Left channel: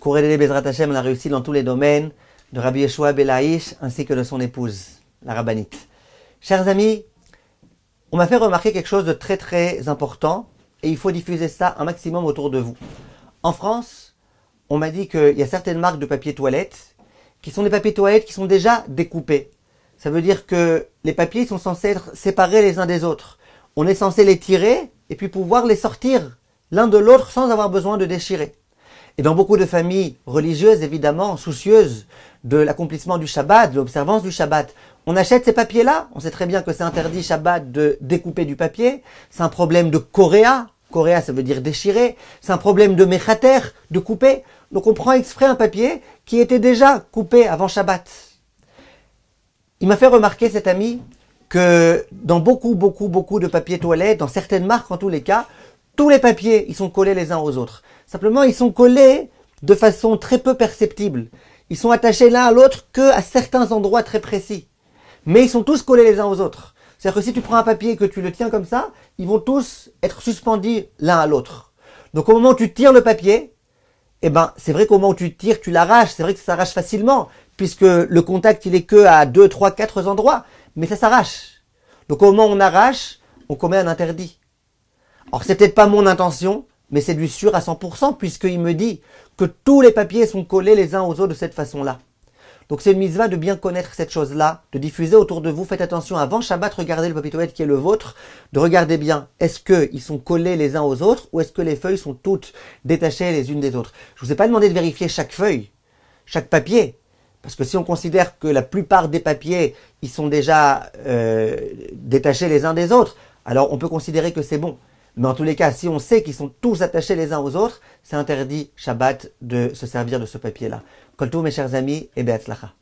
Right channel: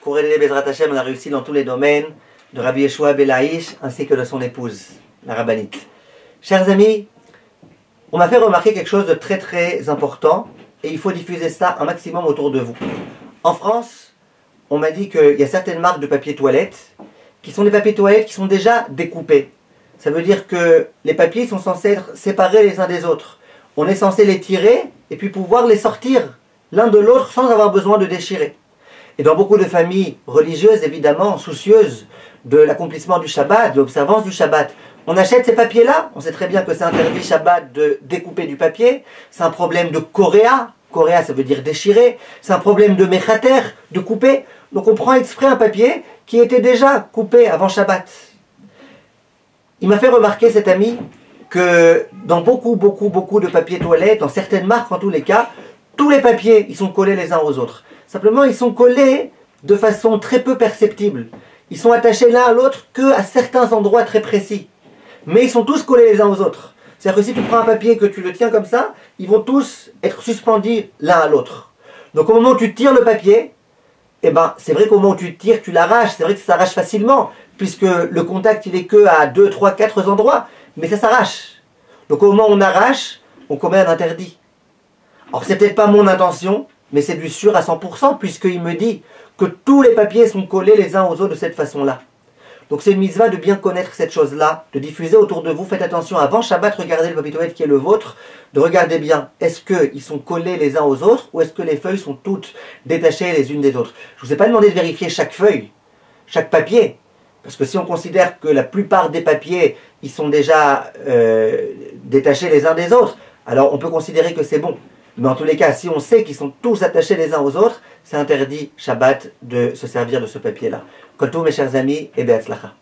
Kourélé Bezrat Hashem, on a réussi dans tous les domaines de Rabbi Yeshua Belaïch ainsi que de son épouse, la rabbinite. Chers amis, on m'a fait remarquer quelque chose de très très important et il faut diffuser ça un maximum autour de vous. En France, on m'a dit qu'il y a certaines marques de papier toilette qui sont des papiers toilettes qui sont déjà découpés. Ça veut dire que les papiers sont censés être séparés les uns des autres. On est censé les tirer et puis pouvoir les sortir l'un de l'autre sans avoir besoin de déchirer. Et dans beaucoup de familles religieuses, évidemment, soucieuses de l'accomplissement du Shabbat, de l'observance du Shabbat, on achète ces papiers-là. On sait très bien que c'est interdit Shabbat de découper du papier. C'est un problème de Koréa. Koréa, ça veut dire déchirer. C'est un problème de Mechater, de couper. Donc on prend exprès un papier qui était déjà coupé avant Shabbat. Il m'a fait remarquer, cet ami, que dans beaucoup de papiers toilettes, dans certaines marques en tous les cas, tous les papiers, ils sont collés les uns aux autres. Simplement, ils sont collés de façon très peu perceptible. Ils sont attachés l'un à l'autre qu'à certains endroits très précis. Mais ils sont tous collés les uns aux autres. C'est-à-dire que si tu prends un papier que tu le tiens comme ça, ils vont tous être suspendus l'un à l'autre. Donc au moment où tu tires le papier, eh ben, c'est vrai qu'au moment où tu tires, tu l'arraches. C'est vrai que ça s'arrache facilement, puisque le contact, il est que à 2, 3, 4 endroits. Mais ça s'arrache. Donc au moment où on arrache, on commet un interdit. Alors c'est peut-être pas mon intention, mais c'est du sûr à 100%, puisqu'il me dit que tous les papiers sont collés les uns aux autres de cette façon-là. Donc c'est une mitzvah de bien connaître cette chose-là, de diffuser autour de vous. Faites attention, avant Shabbat, regardez le papier toilette qui est le vôtre, de regarder bien, est-ce qu'ils sont collés les uns aux autres, ou est-ce que les feuilles sont toutes détachées les unes des autres. Je ne vous ai pas demandé de vérifier chaque feuille, chaque papier, parce que si on considère que la plupart des papiers, ils sont déjà détachés les uns des autres, alors on peut considérer que c'est bon. Mais en tous les cas, si on sait qu'ils sont tous attachés les uns aux autres, c'est interdit Shabbat de se servir de ce papier-là. Kotou mes chers amis, et be'atzlacha.